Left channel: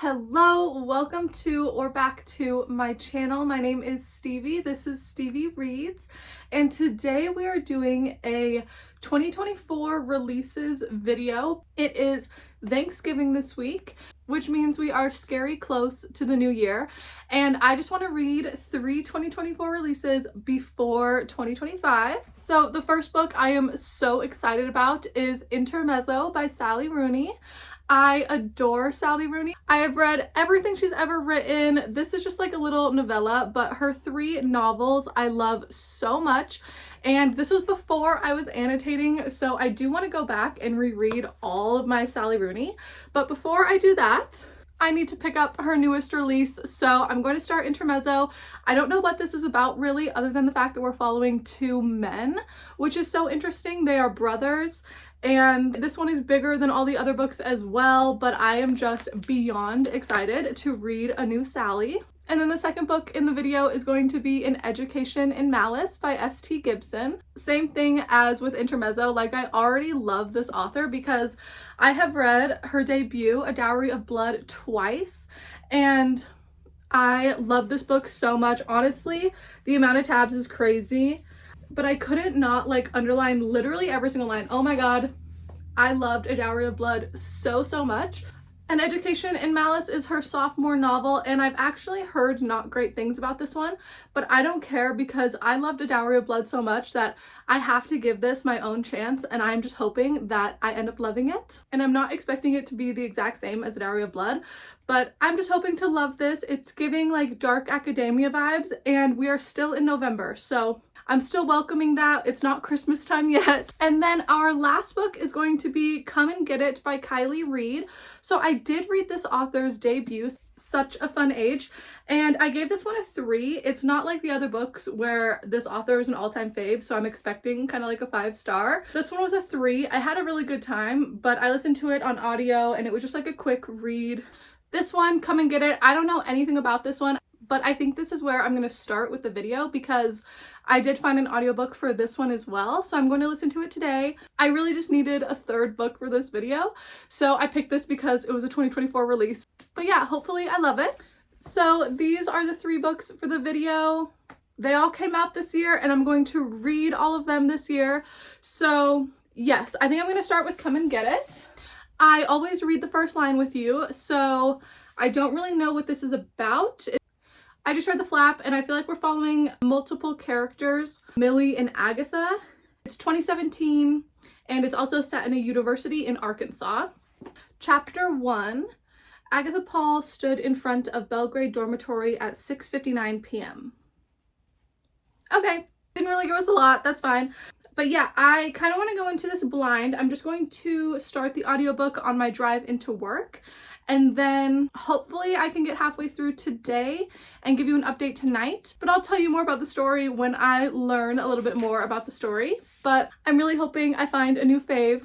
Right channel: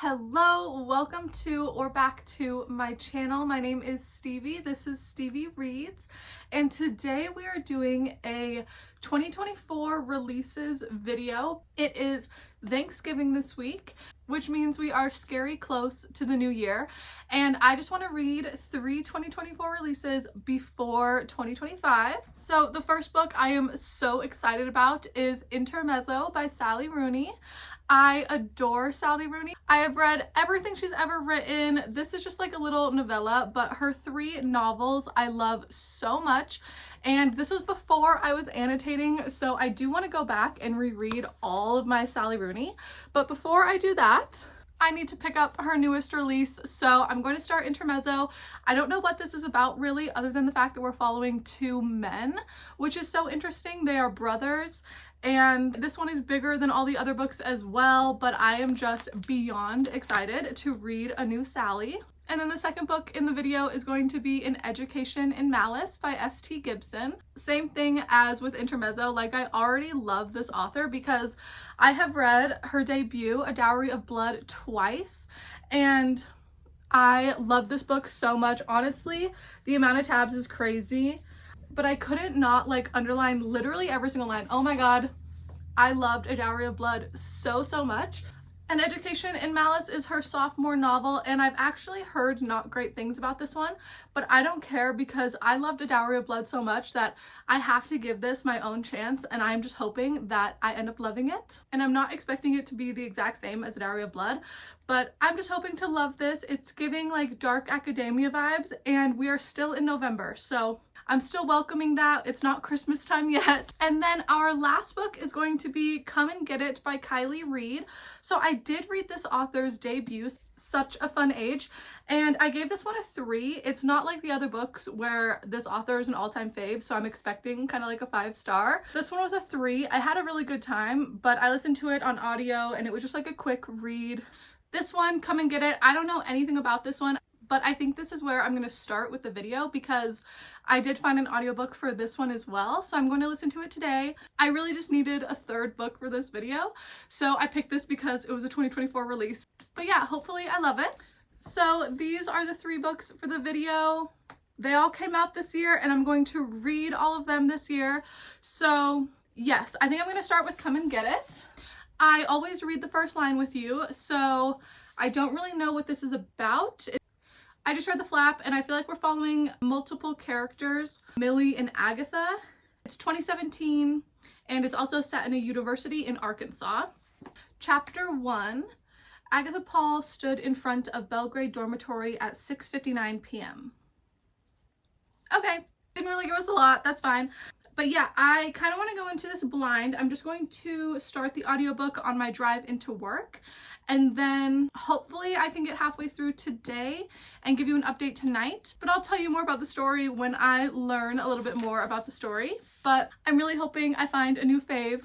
Hello, welcome to or back to my channel. My name is Stevie. This is Stevie Reads, and today we are doing a 2024 releases video. It is Thanksgiving this week, which means we are scary close to the new year, and I just want to read 3 2024 releases before 2025. So the first book I am so excited about is Intermezzo by Sally Rooney. I adore Sally Rooney. I have read everything she's ever written. This is just like a little novella, but her 3 novels I love so much. And this was before I was annotating, so I do want to go back and reread all of my Sally Rooney. But before I do that, I need to pick up her newest release, so I'm going to start Intermezzo. I don't know what this is about really, other than the fact that we're following 2 men, which is so interesting. They are brothers, and this one is bigger than all the other books as well, but I am just beyond excited to read a new Sally. And then the second book in the video is going to be An Education in Malice by S.T. Gibson. Same thing as with Intermezzo, like I already love this author because I have read her debut, A Dowry of Blood, twice, and I love this book so much. Honestly, the amount of tabs is crazy, but I couldn't not like underline literally every single line. Oh my god, I loved A Dowry of Blood so much. An Education in Malice is her sophomore novel, and I've actually heard not great things about this one, but I don't care because I loved A Dowry of Blood so much that I have to give this my own chance, and I'm just hoping that I end up loving it. And I'm not expecting it to be the exact same as A Dowry of Blood, but I'm just hoping to love this. It's giving like dark academia vibes, and we are still in November, so I'm still welcoming that. It's not Christmas time yet. And then our last book is going to be Come and Get It by Kiley Reid. So I did read this author's debut, Such a Fun Age, and I gave this one a 3. It's not like the other books where this author is an all-time fave, so I'm expecting kind of like a 5-star. This one was a 3. I had a really good time, but I listened to it on audio and it was just like a quick read. This one, Come and Get It, I don't know anything about this one, but I think this is where I'm going to start with the video because I did find an audiobook for this one as well, so I'm going to listen to it today. I really just needed a 3rd book for this video, so I picked this because it was a 2024 release. But yeah, hopefully I love it. So these are the 3 books for the video. They all came out this year, and I'm going to read all of them this year. So yes, I think I'm going to start with Come and Get It. I always read the first line with you, so I don't really know what this is about. I just read the flap and I feel like we're following multiple characters, Millie and Agatha. It's 2017 and it's also set in a university in Arkansas. Chapter 1, Agatha Paul stood in front of Belgrade dormitory at 6:59 p.m. Okay, didn't really give us a lot, that's fine. But yeah, I kind of want to go into this blind. I'm just going to start the audiobook on my drive into work, and then hopefully I can get halfway through today and give you an update tonight. But I'll tell you more about the story when I learn a little bit more about the story. But I'm really hoping I find a new fave.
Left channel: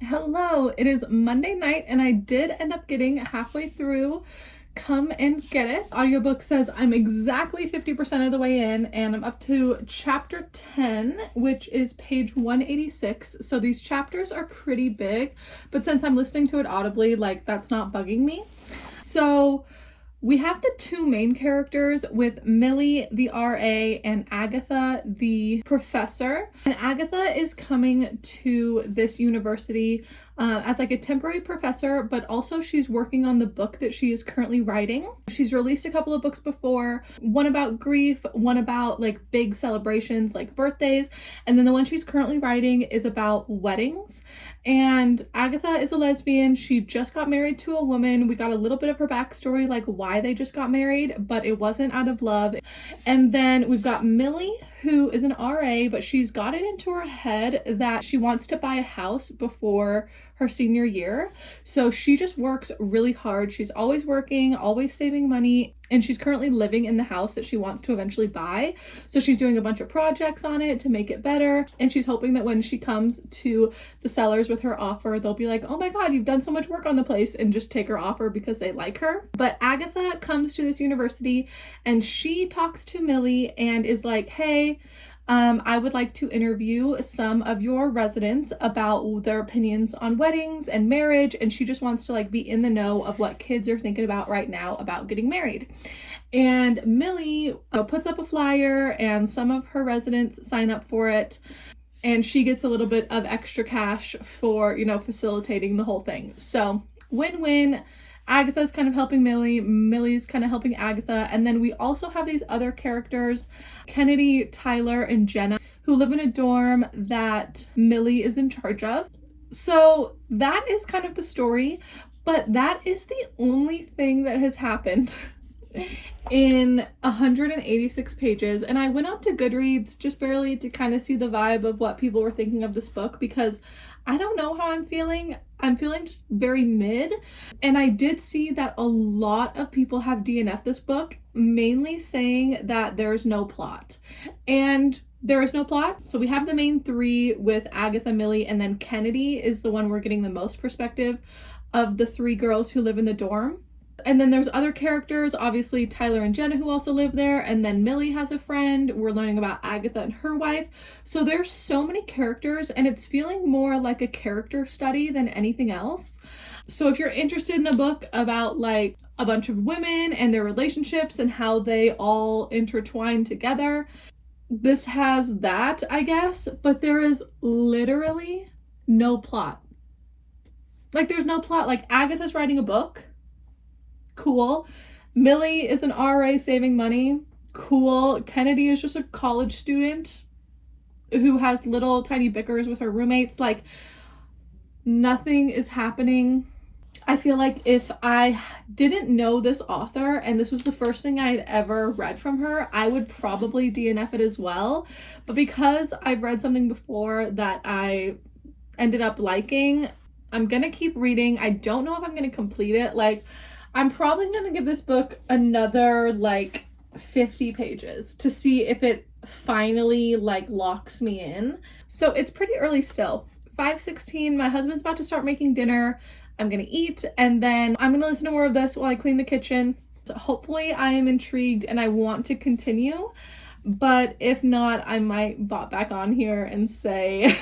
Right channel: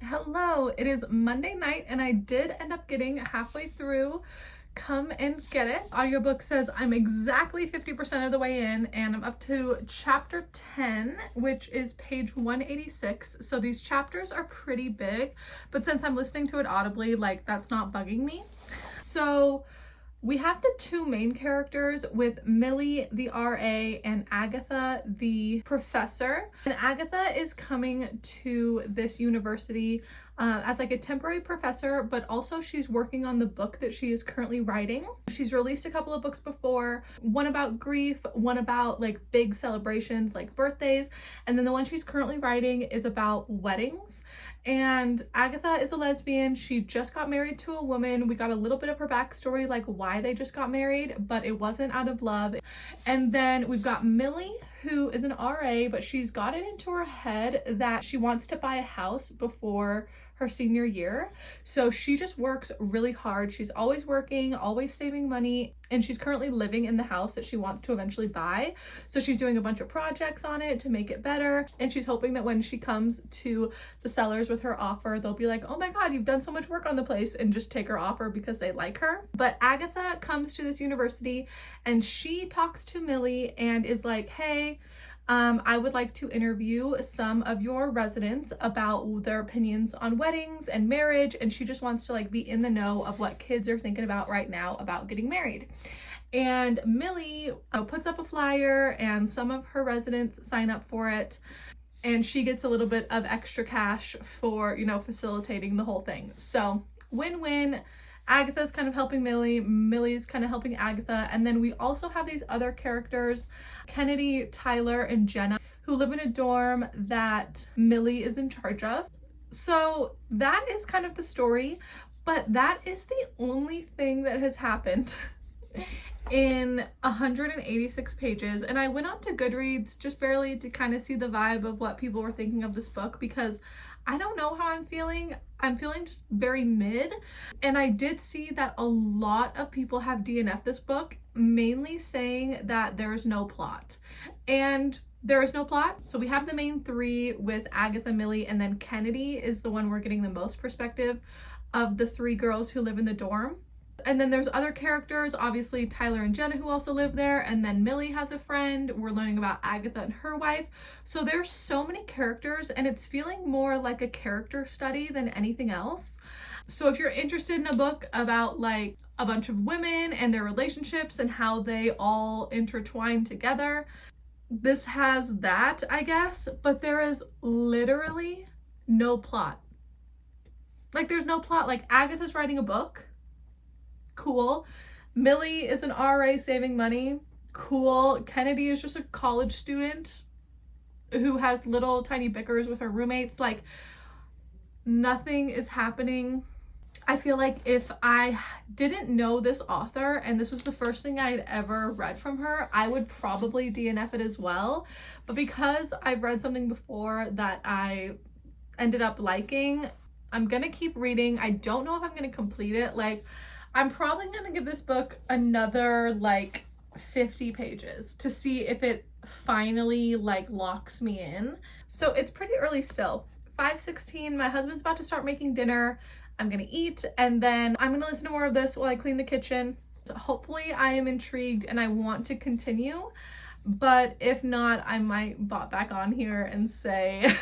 Hello, it is Monday night and I did end up getting halfway through Come and Get It. Audiobook says I'm exactly 50% of the way in and I'm up to chapter 10, which is page 186. So these chapters are pretty big, but since I'm listening to it audibly, like that's not bugging me. So we have the 2 main characters with Millie, the RA, and Agatha, the professor. And Agatha is coming to this university as like a temporary professor, but also she's working on the book that she is currently writing. She's released a couple of books before, one about grief, one about like big celebrations like birthdays, and then the one she's currently writing is about weddings. And Agatha is a lesbian. She just got married to a woman. We got a little bit of her backstory, like why they just got married, but it wasn't out of love. And then we've got Millie, who is an RA, but she's got it into her head that she wants to buy a house before her senior year. So she just works really hard. She's always working, always saving money, and she's currently living in the house that she wants to eventually buy. So she's doing a bunch of projects on it to make it better, and she's hoping that when she comes to the sellers with her offer, they'll be like, oh my god, you've done so much work on the place, and just take her offer because they like her. But Agatha comes to this university and she talks to Millie and is like, hey, I would like to interview some of your residents about their opinions on weddings and marriage, and she just wants to like be in the know of what kids are thinking about right now about getting married. And Millie puts up a flyer and some of her residents sign up for it, and she gets a little bit of extra cash for, facilitating the whole thing. So win-win. Agatha's kind of helping Millie, Millie's kind of helping Agatha, and then we also have these other characters, Kennedy, Tyler, and Jenna, who live in a dorm that Millie is in charge of. So that is kind of the story, but that is the only thing that has happened in 186 pages. And I went on to Goodreads just barely to kind of see the vibe of what people were thinking of this book, because I don't know how I'm feeling. I'm feeling just very mid. And I did see that a lot of people have DNF'd this book, mainly saying that there's no plot. And there is no plot. So we have the main three with Agatha, Millie, and then Kennedy is the one we're getting the most perspective of the three girls who live in the dorm. And then there's other characters, obviously Tyler and Jenna, who also live there, and then Millie has a friend. We're learning about Agatha and her wife. So there's so many characters, and it's feeling more like a character study than anything else. So if you're interested in a book about like a bunch of women and their relationships and how they all intertwine together, this has that, I guess, but there is literally no plot. Like, there's no plot. Like, Agatha's writing a book. Cool. Millie is an RA saving money. Cool. Kennedy is just a college student who has little tiny bickers with her roommates. Like, nothing is happening. I feel like if I didn't know this author and this was the first thing I'd ever read from her, I would probably DNF it as well. But because I've read something before that I ended up liking, I'm gonna keep reading. I don't know if I'm gonna complete it. Like, I'm probably gonna give this book another like 50 pages to see if it finally like locks me in. So it's pretty early still. 5:16, my husband's about to start making dinner. I'm gonna eat, and then I'm gonna listen to more of this while I clean the kitchen. So hopefully I am intrigued and I want to continue, but if not, I might bot back on here and say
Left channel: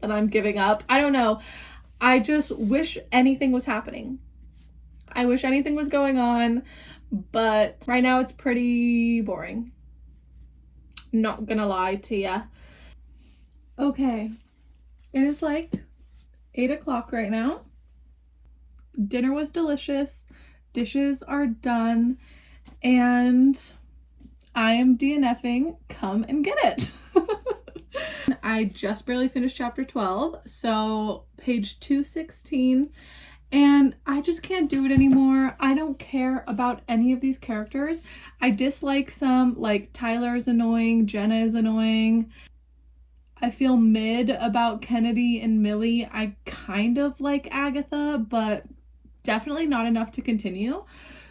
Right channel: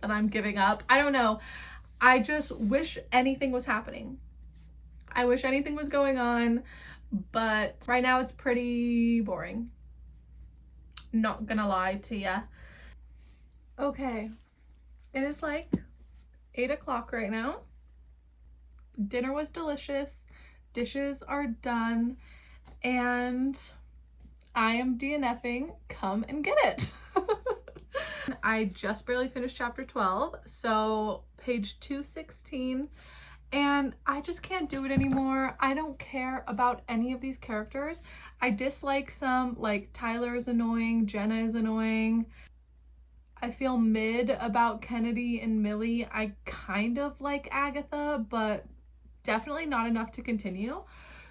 that I'm giving up. I don't know. I just wish anything was happening. I wish anything was going on, but right now it's pretty boring. Not gonna lie to ya. Okay, it is like 8 o'clock right now. Dinner was delicious, dishes are done, and I am DNFing. Come and get it. I just barely finished chapter 12, so page 216, and I just can't do it anymore. I don't care about any of these characters. I dislike some, like Tyler is annoying, Jenna is annoying. I feel mid about Kennedy and Millie. I kind of like Agatha, but definitely not enough to continue.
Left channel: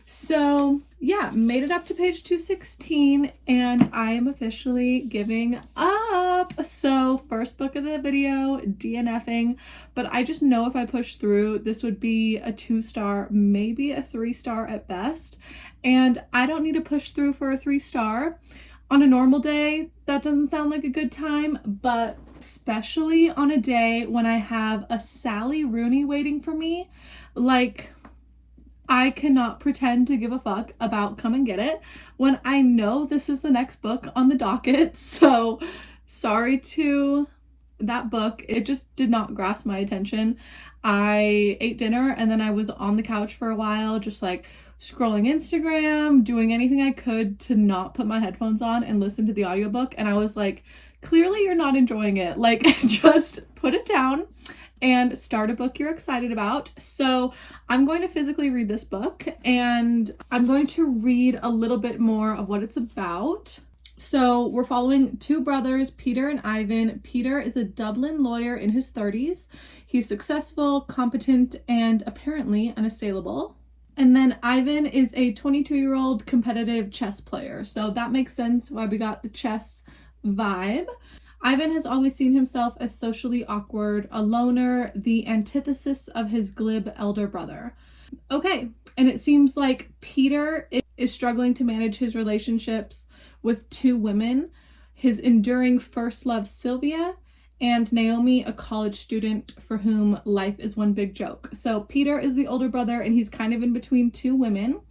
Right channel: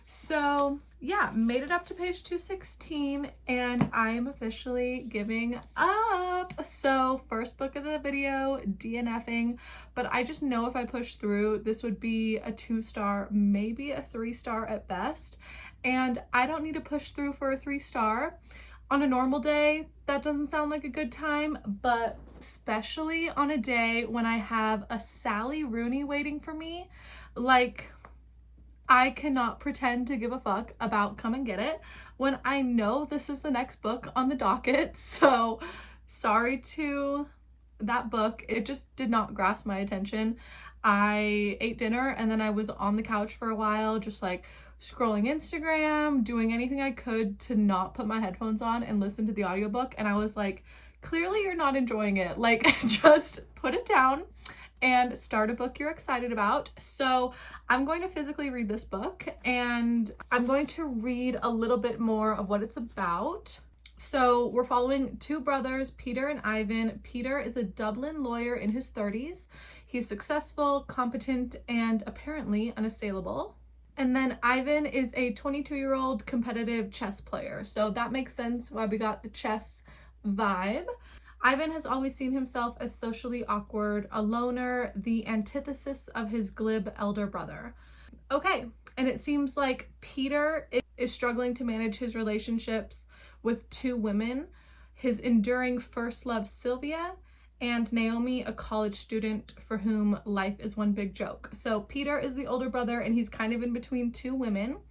So yeah, made it up to page 216 and I am officially giving up. So first book of the video, DNFing, but I just know if I push through, this would be a 2-star, maybe a 3-star at best. And I don't need to push through for a 3-star. On a normal day, that doesn't sound like a good time, but especially on a day when I have a Sally Rooney waiting for me, like, I cannot pretend to give a fuck about Come and Get It when I know this is the next book on the docket. So sorry to that book. It just did not grasp my attention. I ate dinner and then I was on the couch for a while, just like scrolling Instagram, doing anything I could to not put my headphones on and listen to the audiobook. And I was like, clearly you're not enjoying it. Like, just put it down and start a book you're excited about. So I'm going to physically read this book and I'm going to read a little bit more of what it's about. So we're following two brothers, Peter and Ivan. Peter is a Dublin lawyer in his 30s. He's successful, competent, and apparently unassailable. And then Ivan is a 22-year-old competitive chess player. So that makes sense why we got the chess vibe. Ivan has always seen himself as socially awkward, a loner, the antithesis of his glib elder brother. Okay, and it seems like Peter is struggling to manage his relationships with two women. his enduring first love Sylvia, and Naomi, a college student for whom life is one big joke. So Peter is the older brother and he's kind of in between two women.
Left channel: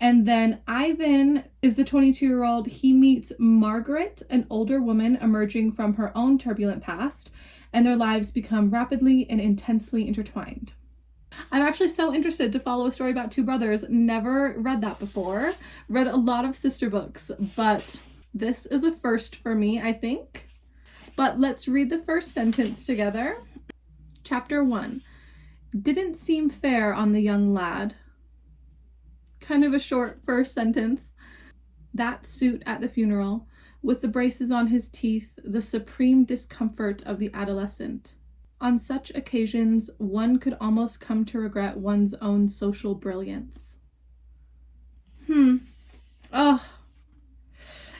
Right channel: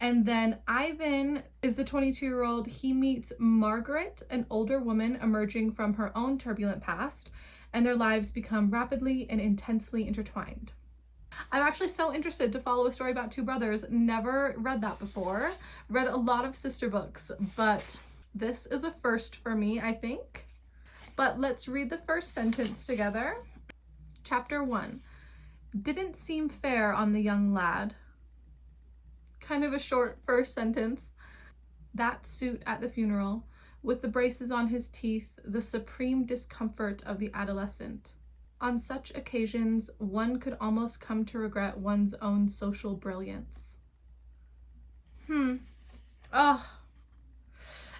And then Ivan is the 22-year-old. He meets Margaret, an older woman emerging from her own turbulent past, and their lives become rapidly and intensely intertwined. I'm actually so interested to follow a story about two brothers. Never read that before. Read a lot of sister books, but this is a first for me, I think. But let's read the first sentence together. Chapter 1. Didn't seem fair on the young lad. Kind of a short first sentence. That suit at the funeral, with the braces on his teeth, the supreme discomfort of the adolescent. On such occasions, one could almost come to regret one's own social brilliance. Oh.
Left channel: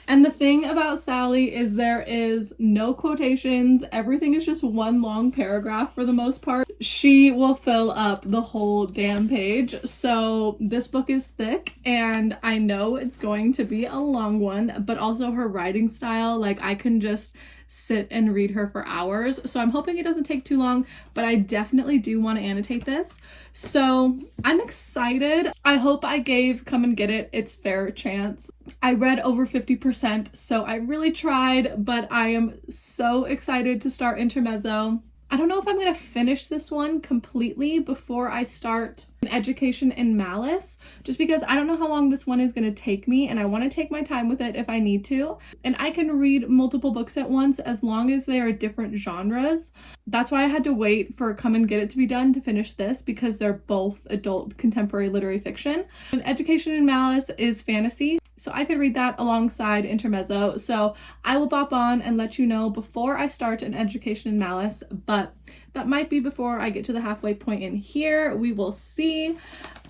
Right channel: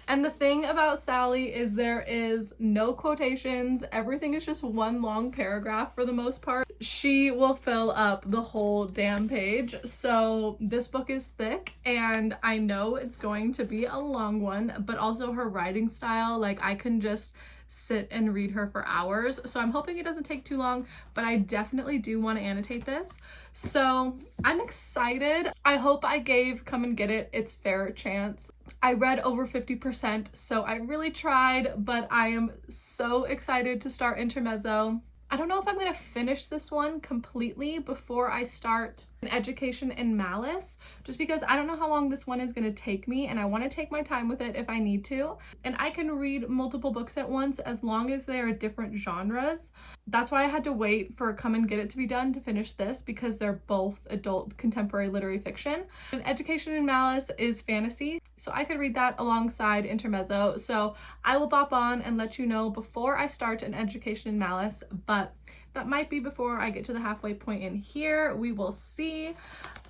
And the thing about Sally is there is no quotations. Everything is just one long paragraph for the most part. She will fill up the whole damn page. So this book is thick and I know it's going to be a long one, but also her writing style, like I can just sit and read her for hours. So I'm hoping it doesn't take too long, but I definitely do want to annotate this. So I'm excited. I hope I gave Come and Get It its fair chance. I read over 50%, so I really tried, but I am so excited to start Intermezzo. I don't know if I'm going to finish this one completely before I start An Education in Malice, just because I don't know how long this one is going to take me and I want to take my time with it if I need to. And I can read multiple books at once as long as they are different genres. That's why I had to wait for Come and Get It to be done to finish this, because they're both adult contemporary literary fiction. An Education in Malice is fantasy, so I could read that alongside Intermezzo. So I will bop on and let you know before I start An Education in Malice, but that might be before I get to the halfway point in here. We will see.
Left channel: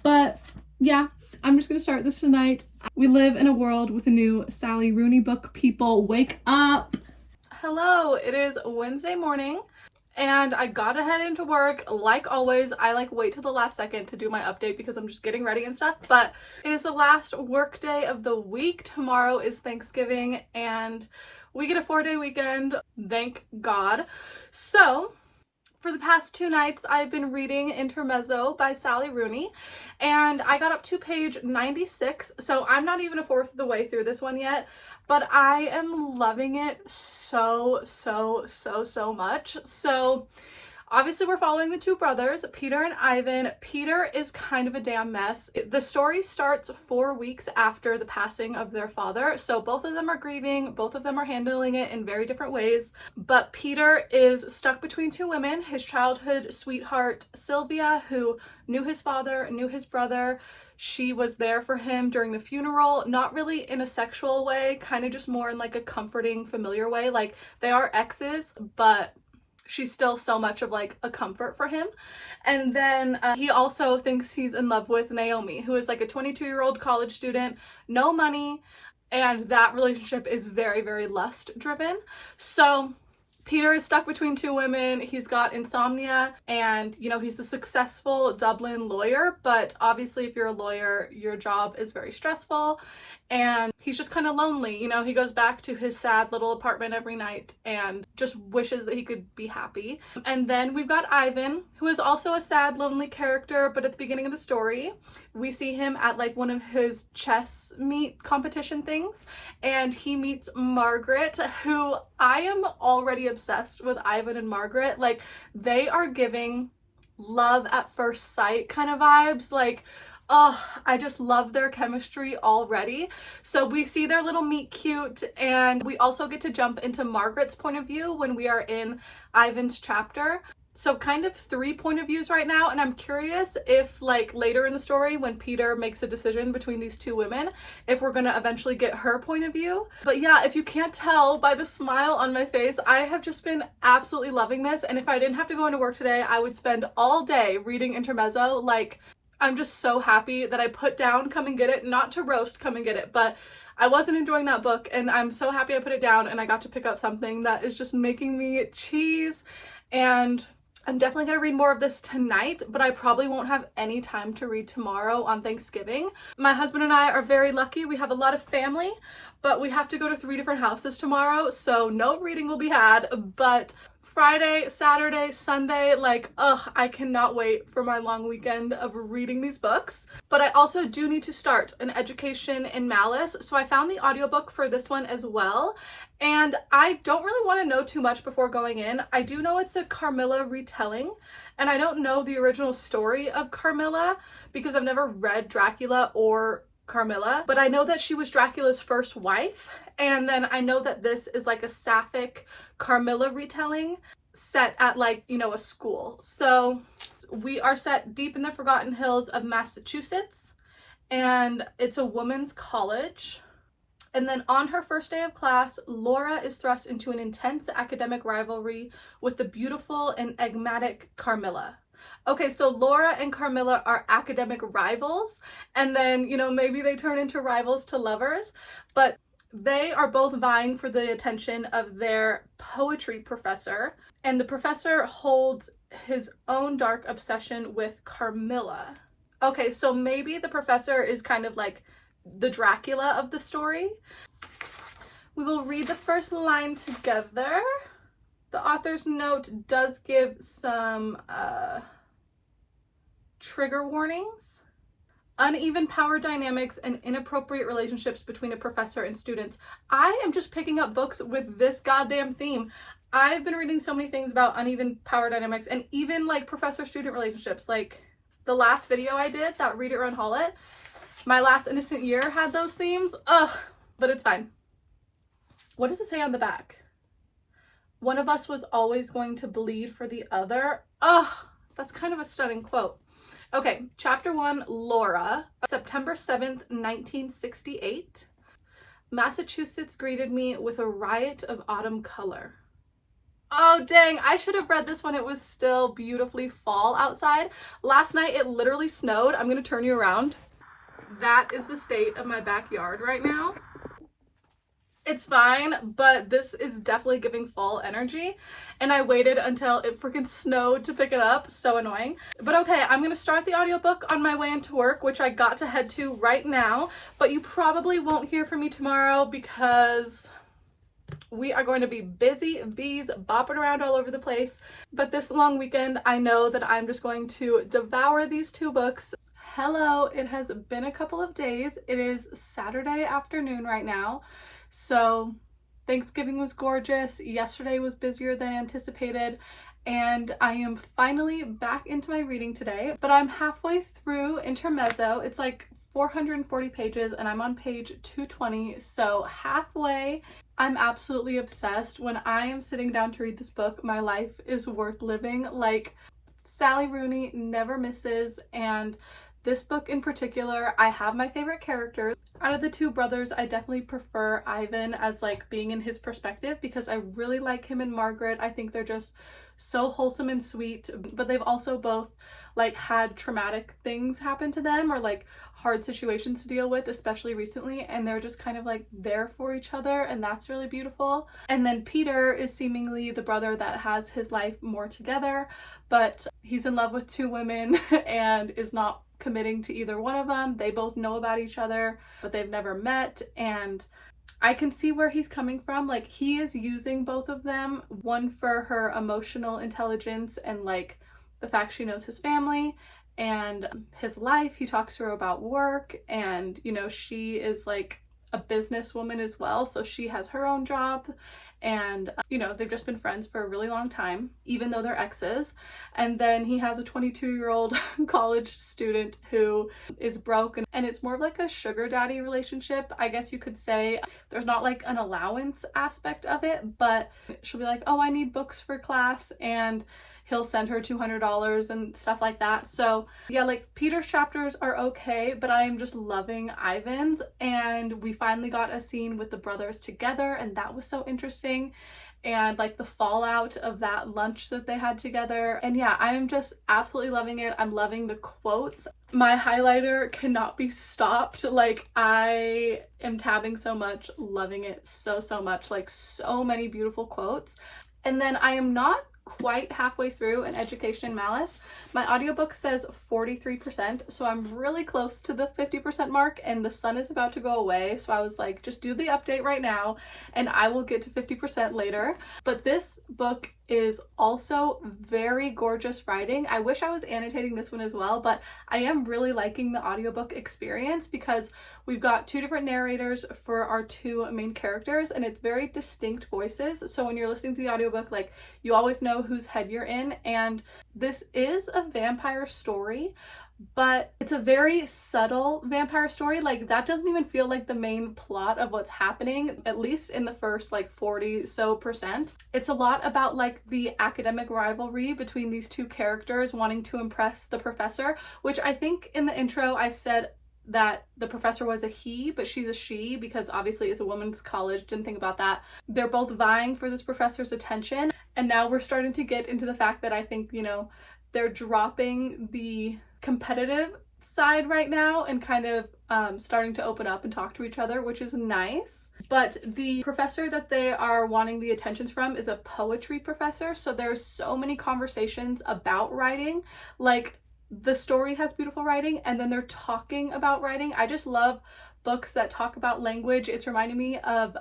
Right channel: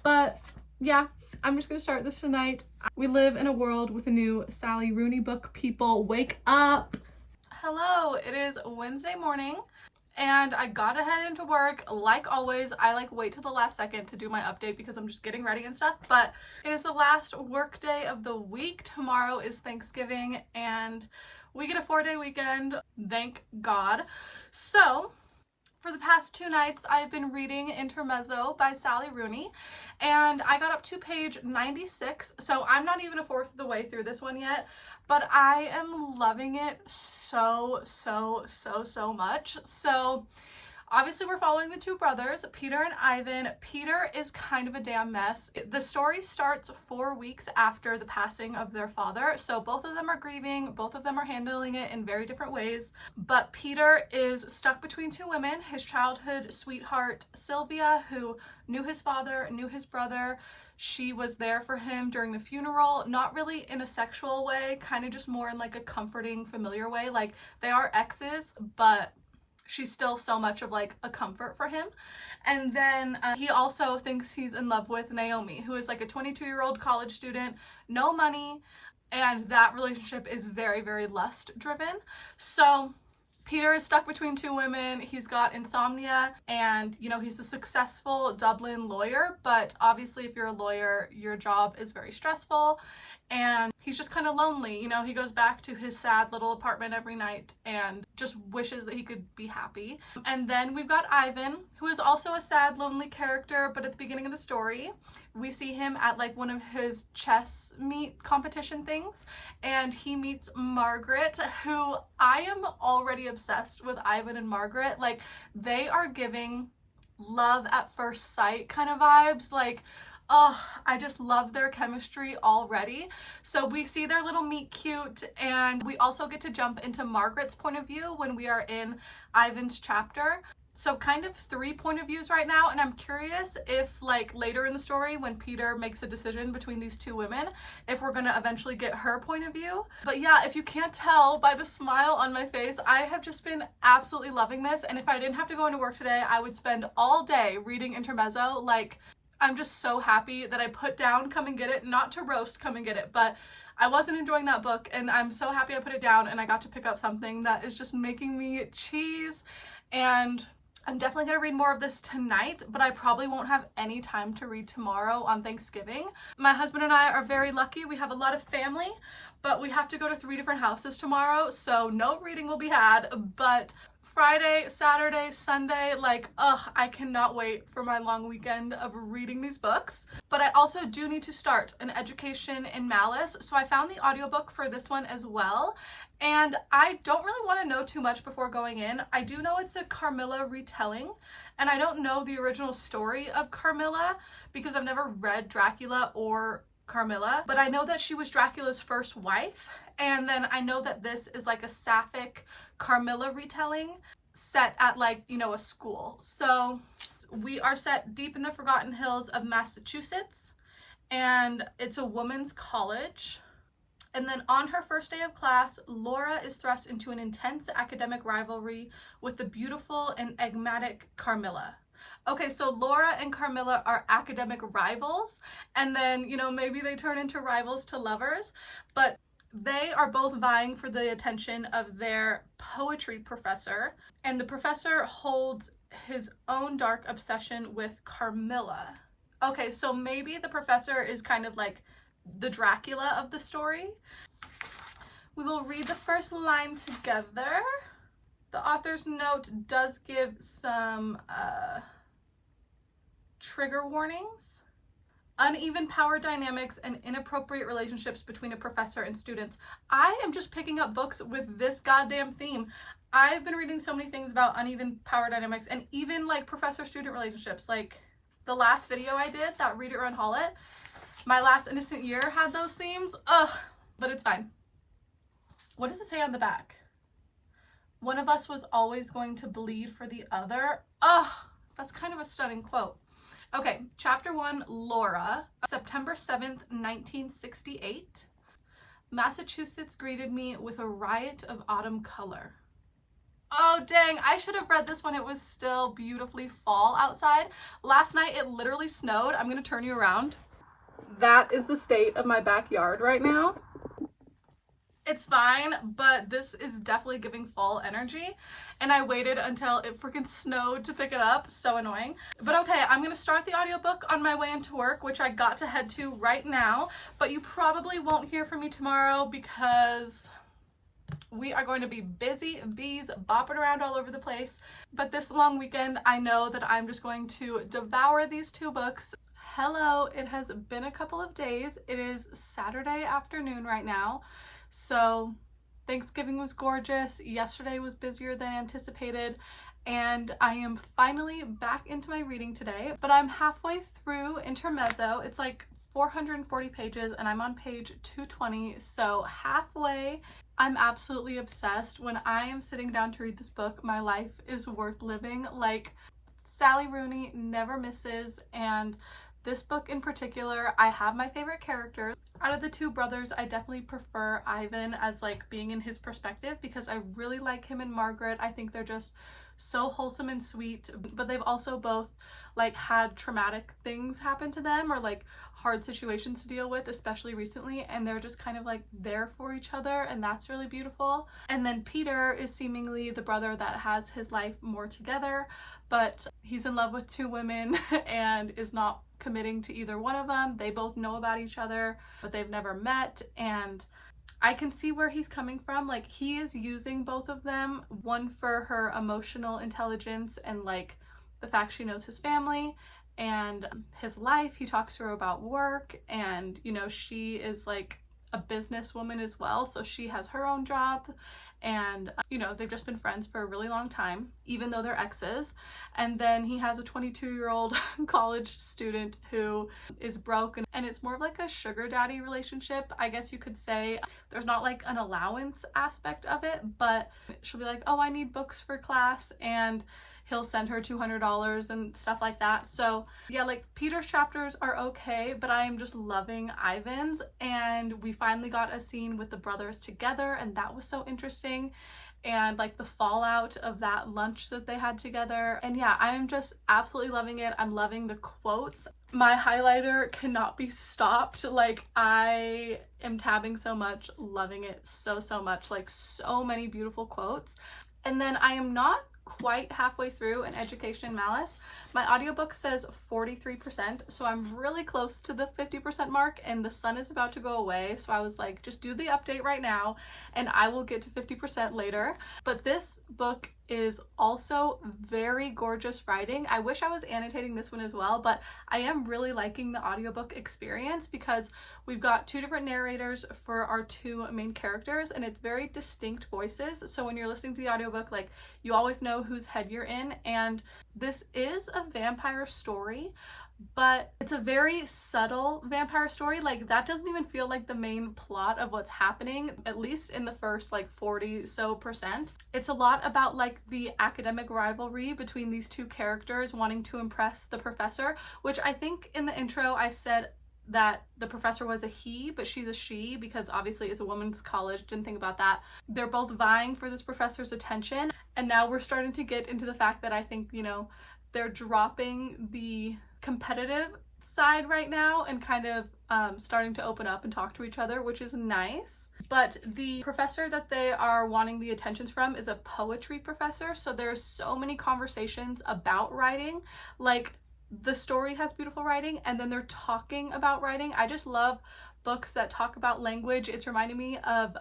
But yeah, I'm just gonna start this tonight. We live in a world with a new Sally Rooney book. People, wake up. Hello, it is Wednesday morning and I gotta head into work. Like always, I wait till the last second to do my update because I'm just getting ready and stuff, but it is the last work day of the week. Tomorrow is Thanksgiving and we get a 4-day weekend, thank God. So for the past 2 nights, I've been reading Intermezzo by Sally Rooney, and I got up to page 96, so I'm not even a fourth of the way through this one yet, but I am loving it so much. So obviously we're following the two brothers, Peter and Ivan. Peter is kind of a damn mess. The story starts 4 weeks after the passing of their father, so both of them are grieving, both of them are handling it in very different ways, but Peter is stuck between two women, his childhood sweetheart Sylvia, who knew his father, knew his brother. She was there for him during the funeral, not really in a sexual way, kind of just more in a comforting, familiar way. They are exes, but she's still so much of a comfort for him. And then he also thinks he's in love with Naomi, who is a 22-year-old college student, no money, and that relationship is very lust driven. So Peter is stuck between two women. He's got insomnia and, he's a successful Dublin lawyer, but obviously if you're a lawyer, your job is very stressful and he's just kind of lonely. He goes back to his sad little apartment every night and just wishes that he could be happy. And then we've got Ivan, who is also a sad, lonely character, but at the beginning of the story, we see him at one of his chess meet competition things, and he meets Margaret, who I am already obsessed with. Ivan and Margaret, they are giving love at first sight kind of vibes. Oh, I just love their chemistry already. So we see their little meet cute, and we also get to jump into Margaret's point of view when we are in Ivan's chapter. So kind of 3 point of views right now, and I'm curious if later in the story when Peter makes a decision between these two women, if we're gonna eventually get her point of view. But yeah, if you can't tell by the smile on my face, I have just been absolutely loving this, and if I didn't have to go into work today, I would spend all day reading Intermezzo. I'm just so happy that I put down Come and Get It, not to roast Come and Get It, but I wasn't enjoying that book and I'm so happy I put it down and I got to pick up something that is just making me cheese. And I'm definitely going to read more of this tonight, but I probably won't have any time to read tomorrow on Thanksgiving. My husband and I are very lucky. We have a lot of family, but we have to go to 3 different houses tomorrow, so no reading will be had. But Friday, Saturday, Sunday, like, I cannot wait for my long weekend of reading these books. But I also do need to start An Education in Malice, so I found the audiobook for this one as well. And I don't really want to know too much before going in. I do know it's a Carmilla retelling, and I don't know the original story of Carmilla because I've never read Dracula or Carmilla, but I know that she was Dracula's first wife, and then I know that this is like a sapphic Carmilla retelling set at, like, you know, a school. So we are set deep in the Forgotten Hills of Massachusetts, and it's a women's college. And then on her first day of class, Laura is thrust into an intense academic rivalry with the beautiful and enigmatic Carmilla. Okay, so Laura and Carmilla are academic rivals, and then, you know, maybe they turn into rivals to lovers, but they are both vying for the attention of their poetry professor, and the professor holds his own dark obsession with Carmilla. Okay, so maybe the professor is kind of like the Dracula of the story. We will read the first line together. The author's note does give some trigger warnings. Uneven power dynamics and inappropriate relationships between a professor and students. I am just picking up books with this goddamn theme. I've been reading so many things about uneven power dynamics and even like professor-student relationships. Like the last video I did, that Read It, Run, Haul It, My Last Innocent Year had those themes. Ugh, but it's fine. What does it say on the back? One of us was always going to bleed for the other. Ugh, that's kind of a stunning quote. Okay, chapter 1, Laura. September 7th, 1968. Massachusetts greeted me with a riot of autumn color. Oh dang, I should have read this when it was still beautifully fall outside. Last night it literally snowed. I'm gonna turn you around. That is the state of my backyard right now. It's fine, but this is definitely giving fall energy, and I waited until it freaking snowed to pick it up. So annoying. But okay, I'm gonna start the audiobook on my way into work, which I got to head to right now, but you probably won't hear from me tomorrow because we are going to be busy bees bopping around all over the place. But this long weekend, I know that I'm just going to devour these 2 books. Hello, it has been a couple of days. It is Saturday afternoon right now. So Thanksgiving was gorgeous. Yesterday was busier than anticipated, and I am finally back into my reading today, but I'm halfway through Intermezzo. It's like 440 pages and I'm on page 220, so halfway. I'm absolutely obsessed. When I am sitting down to read this book, my life is worth living. Like, Sally Rooney never misses, and this book in particular, I have my favorite characters. Out of the 2 brothers, I definitely prefer Ivan as like being in his perspective because I really like him and Margaret. I think they're just so wholesome and sweet, but they've also both like had traumatic things happen to them or like hard situations to deal with, especially recently, and they're just kind of like there for each other, and that's really beautiful. And then Peter is seemingly the brother that has his life more together, but he's in love with 2 women and is not committing to either one of them. They both know about each other, but they've never met, and I can see where he's coming from. Like, he is using both of them, one for her emotional intelligence and like the fact she knows his family and his life. He talks to her about work, and you know, she is like a businesswoman as well, so she has her own job, and you know, they've just been friends for a really long time, even though they're exes. And then he has a 22-year-old college student who is broke, and it's more of like a sugar daddy relationship, I guess you could say. There's not like an allowance aspect of it, but she'll be like, oh, I need books for class, and he'll send her $200 and stuff like that. So yeah, like Peter's chapters are okay, but I am just loving Ivan's, and we finally got a scene with the brothers together, and that was so interesting, and like the fallout of that lunch that they had together. And yeah, I am just absolutely loving it. I'm loving the quotes. My highlighter cannot be stopped. Like, I am tabbing so much, loving it so much, like so many beautiful quotes. And then I am not quite halfway through in Education Malice. My audiobook says 43%, so I'm really close to the 50% mark, and the sun is about to go away, so I was like, just do the update right now and I will get to 50% later. But this book is also very gorgeous writing. I wish I was annotating this one as well, but I am really liking the audiobook experience because we've got two different narrators for our two main characters, and it's very distinct voices. So when you're listening to the audiobook, like, you always know whose head you're in. And this is a vampire story, but it's a very subtle vampire story. Like, that doesn't even feel like the main plot of what's happening, at least in the first like 40% It's a lot about like the academic rivalry between these two characters wanting to impress the professor, which I think in the intro I said that the professor was a he, but she's a she because obviously it's a women's college. Didn't think about that. They're both vying for this professor's attention, and now we're starting to get into the fact that I think, you know, they're dropping the competitive side right now and kind of starting to open up and talk to each other, which is nice. But the professor that they are wanting the attentions from is a poetry professor, so there's so many conversations about writing. Like, the story has beautiful writing and then they're talking about writing. I just love books that talk about language. It's reminding me of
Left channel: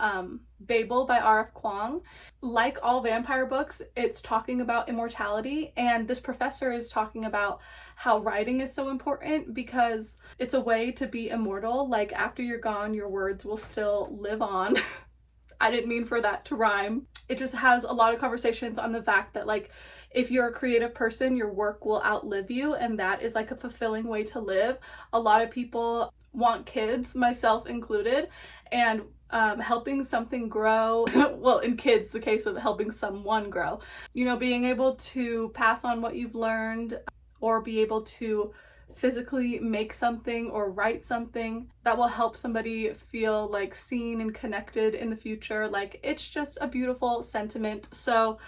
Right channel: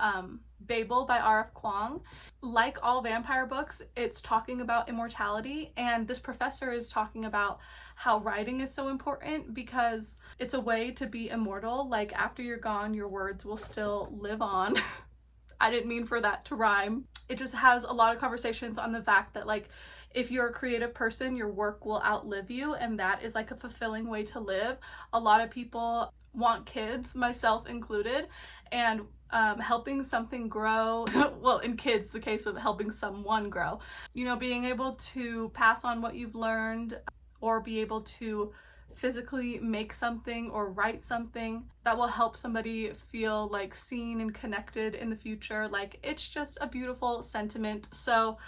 Babel by R.F. Kuang. Like all vampire books, it's talking about immortality, and this professor is talking about how writing is so important because it's a way to be immortal. Like, after you're gone, your words will still live on. I didn't mean for that to rhyme. It just has a lot of conversations on the fact that, like, if you're a creative person, your work will outlive you, and that is like a fulfilling way to live. A lot of people want kids, myself included, and helping something grow, well, in kids, the case of helping someone grow, you know, being able to pass on what you've learned or be able to physically make something or write something that will help somebody feel like seen and connected in the future. Like, it's just a beautiful sentiment. So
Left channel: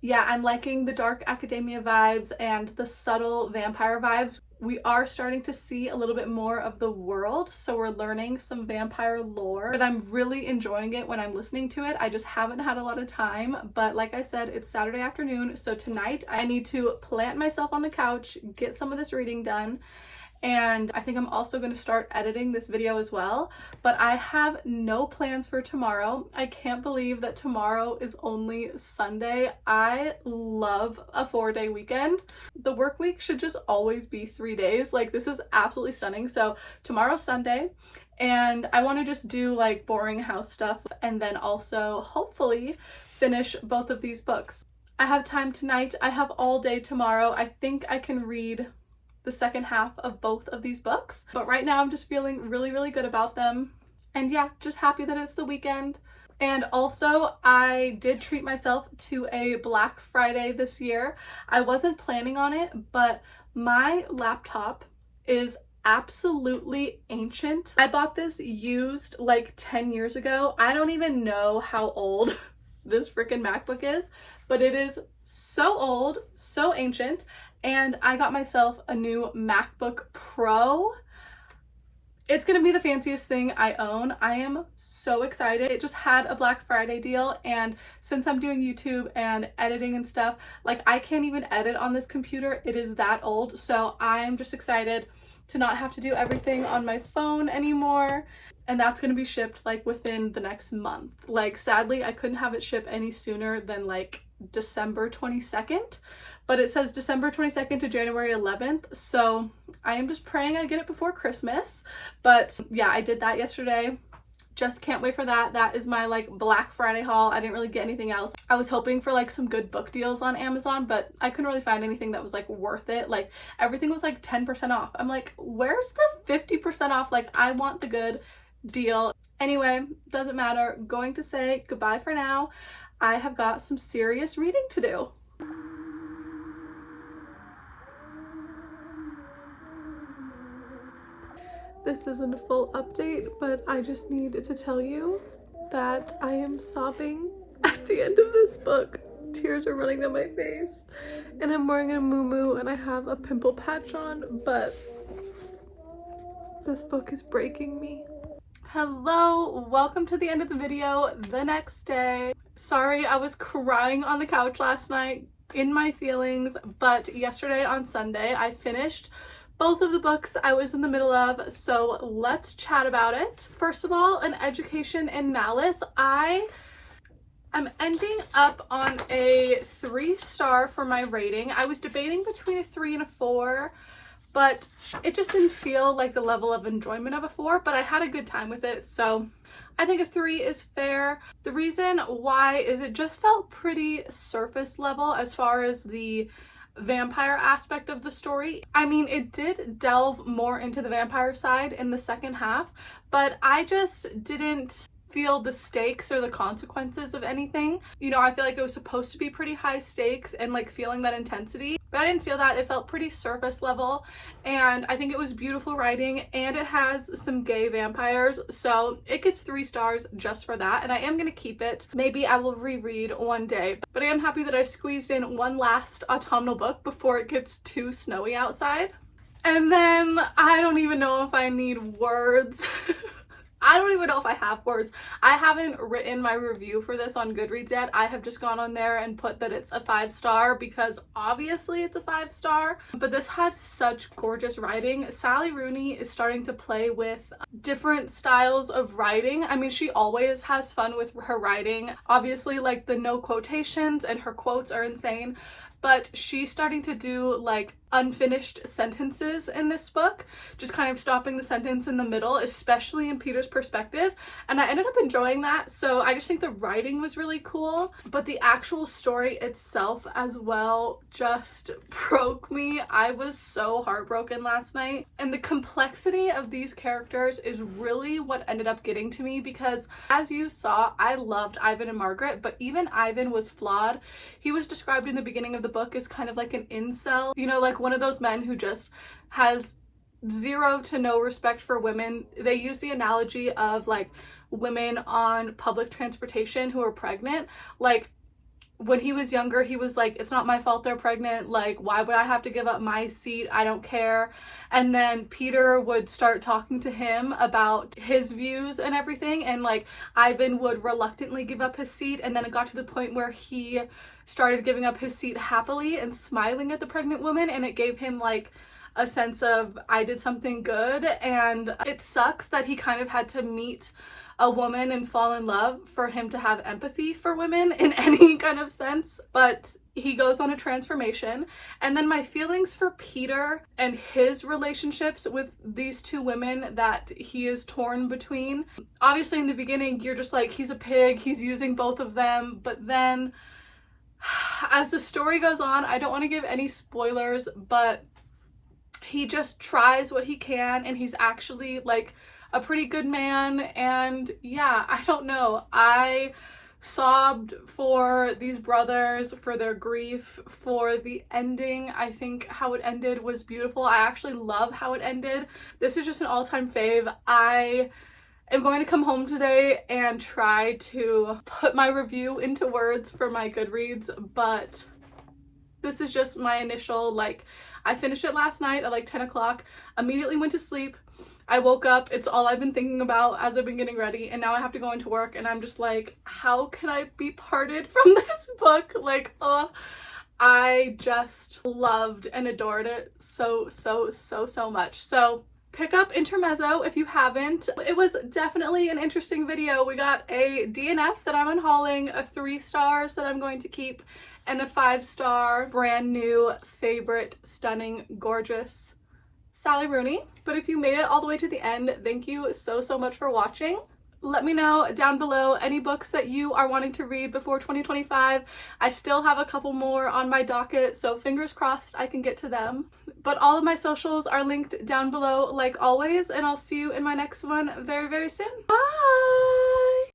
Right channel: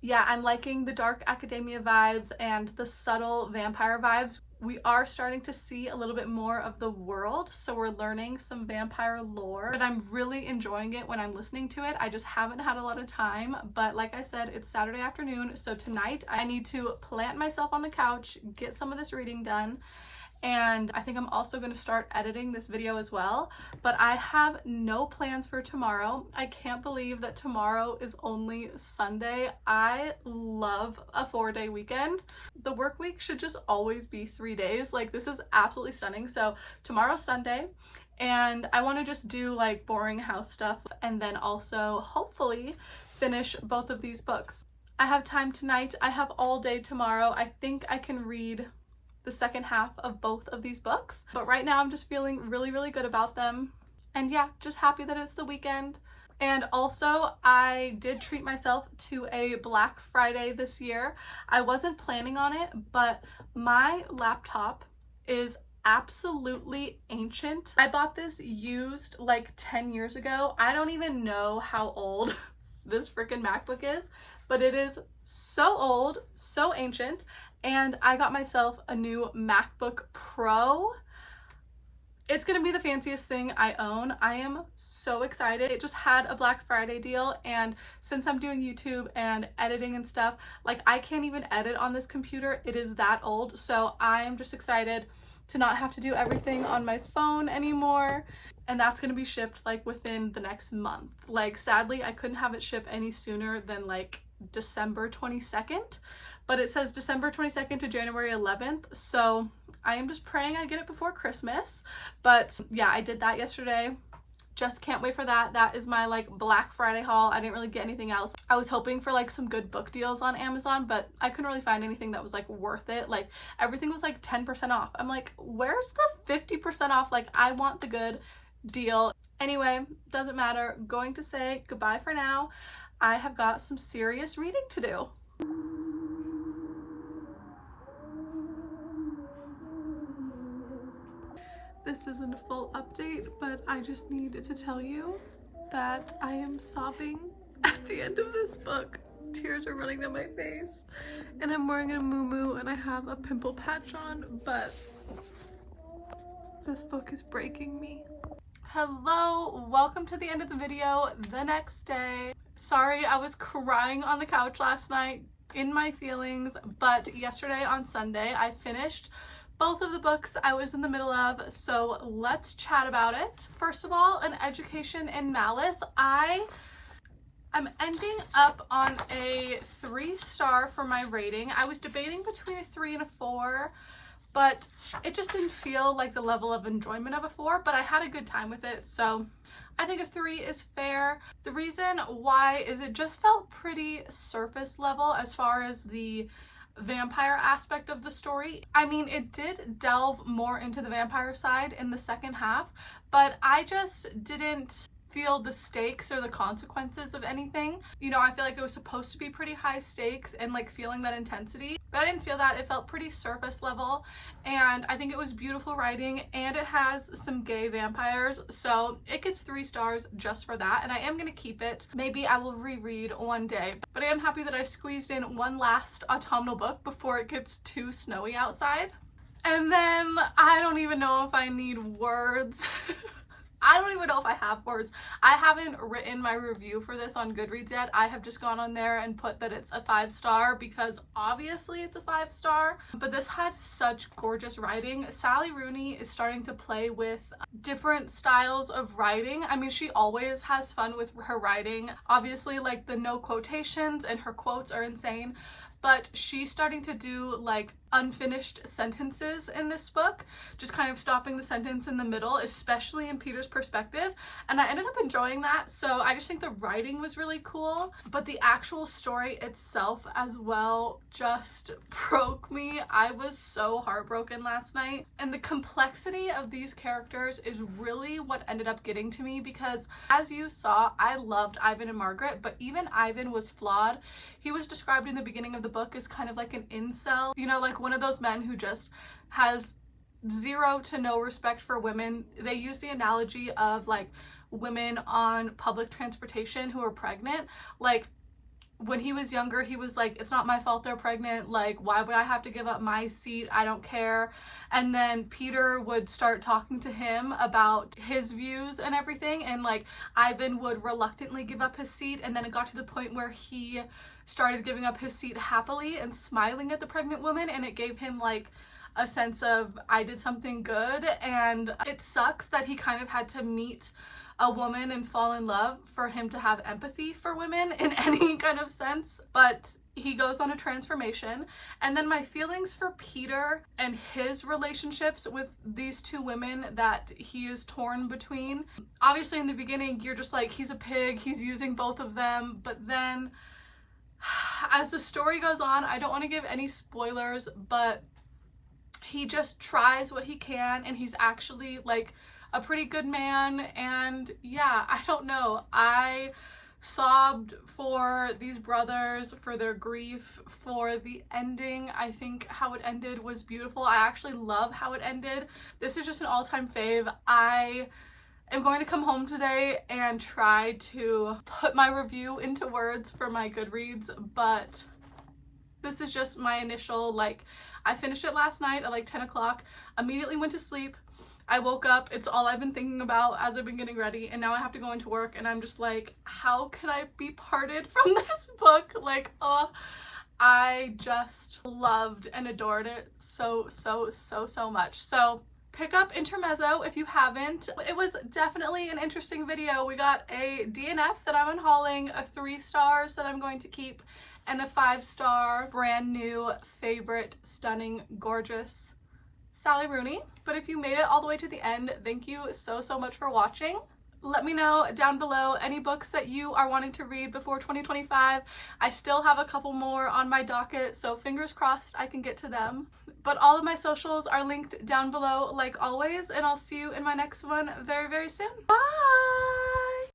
yeah, I'm liking the dark academia vibes and the subtle vampire vibes. We are starting to see a little bit more of the world, so we're learning some vampire lore, but I'm really enjoying it when I'm listening to it. I just haven't had a lot of time, but like I said, it's Saturday afternoon, so tonight I need to plant myself on the couch, get some of this reading done, and I think I'm also going to start editing this video as well. But I have no plans for tomorrow. I can't believe that tomorrow is only Sunday. I love a 4-day weekend. The work week should just always be 3 days. Like, this is absolutely stunning. So tomorrow's Sunday, and I want to just do like boring house stuff and then also hopefully finish both of these books. I have time tonight. I have all day tomorrow. I think I can read the second half of both of these books, but right now I'm just feeling really, really good about them. And yeah, just happy that it's the weekend. And also, I did treat myself to a Black Friday this year. I wasn't planning on it, but my laptop is absolutely ancient. I bought this used like 10 years ago. I don't even know how old this freaking MacBook is, but it is so old, so ancient. And I got myself a new MacBook Pro. It's gonna be the fanciest thing I own. I am so excited. It just had a Black Friday deal, and since I'm doing YouTube and editing and stuff, like, I can't even edit on this computer. It is that old. So I am just excited to not have to do everything on my phone anymore. And that's gonna be shipped like within the next month. Like, sadly, I couldn't have it ship any sooner than like December 22nd. But it says December 22nd to January 11th, so I am just praying I get it before Christmas. But yeah, I did that yesterday. Just can't wait for that. That is my like Black Friday haul. I didn't really get anything else. I was hoping for like some good book deals on Amazon, but I couldn't really find anything that was like worth it. Like, everything was like 10% off. I'm like, where's the 50% off? Like, I want the good deal. Anyway, doesn't matter. Going to say goodbye for now. I have got some serious reading to do. This isn't a full update, but I just needed to tell you that I am sobbing at the end of this book. Tears are running down my face, and I'm wearing a muumuu and I have a pimple patch on, but this book is breaking me. Hello, welcome to the end of the video, the next day. Sorry, I was crying on the couch last night. in my feelings, but yesterday on Sunday I finished both of the books I was in the middle of, so let's chat about it. First of all, An Education in Malice. I'm ending up on a 3-star for my rating. I was debating between a 3 and a 4, but it just didn't feel like the level of enjoyment of a 4, but I had a good time with it, so I think a 3 is fair. The reason why is it just felt pretty surface level as far as the vampire aspect of the story. I mean, it did delve more into the vampire side in the second half, but I just didn't feel the stakes or the consequences of anything. You know, I feel like it was supposed to be pretty high stakes and like feeling that intensity, but I didn't feel that. It felt pretty surface level, and I think it was beautiful writing, and it has some gay vampires, so it gets 3 stars just for that, and I am gonna keep it. Maybe I will reread one day, but I am happy that I squeezed in one last autumnal book before it gets too snowy outside. And then I don't even know if I need words. I don't even know if I have words. I haven't written my review for this on Goodreads yet. I have just gone on there and put that it's a 5-star because obviously it's a 5-star. But this had such gorgeous writing. Sally Rooney is starting to play with different styles of writing. I mean, she always has fun with her writing. Obviously, like, the no quotations and her quotes are insane. But she's starting to do like unfinished sentences in this book, just kind of stopping the sentence in the middle, especially in Peter's perspective, and I ended up enjoying that. So I just think the writing was really cool, but the actual story itself as well just broke me. I was so heartbroken last night, and the complexity of these characters is really what ended up getting to me, because as you saw, I loved Ivan and Margaret, but even Ivan was flawed. He was described in the beginning of the book as kind of like an incel, you know, like one of those men who just has zero to no respect for women. They use the analogy of like women on public transportation who are pregnant. Like, when he was younger, he was like, it's not my fault they're pregnant, like, why would I have to give up my seat? I don't care. And then Peter would start talking to him about his views and everything, and like Ivan would reluctantly give up his seat, and then it got to the point where he started giving up his seat happily and smiling at the pregnant woman, and it gave him like a sense of, I did something good. And it sucks that he kind of had to meet a woman and fall in love for him to have empathy for women in any kind of sense, but he goes on a transformation. And then my feelings for Peter and his relationships with these 2 women that he is torn between. Obviously in the beginning you're just like, he's a pig, he's using both of them, but then as the story goes on, I don't want to give any spoilers, but he just tries what he can, and he's actually like a pretty good man. And yeah, I don't know, I sobbed for these brothers, for their grief, for the ending. I think how it ended was beautiful. I actually love how it ended. This is just an all-time fave. I am going to come home today and try to put my review into words for my Goodreads, but this is just my initial, like, I finished it last night at like 10 o'clock, immediately went to sleep. I woke up, it's all I've been thinking about as I've been getting ready, and now I have to go into work, and I'm just like, how can I be parted from this book? Like, I just loved and adored it so much. So pick up Intermezzo if you haven't. It was definitely an interesting video. We got a DNF that I'm unhauling, a 3 stars that I'm going to keep, and a 5-star brand new favorite, stunning, gorgeous Sally Rooney. But if you made it all the way to the end, thank you so much for watching. Let me know down below any books that you are wanting to read before 2025. I still have a couple more on my docket, so fingers crossed I can get to them. But all of my socials are linked down below like always, and I'll see you in my next one very soon. Bye!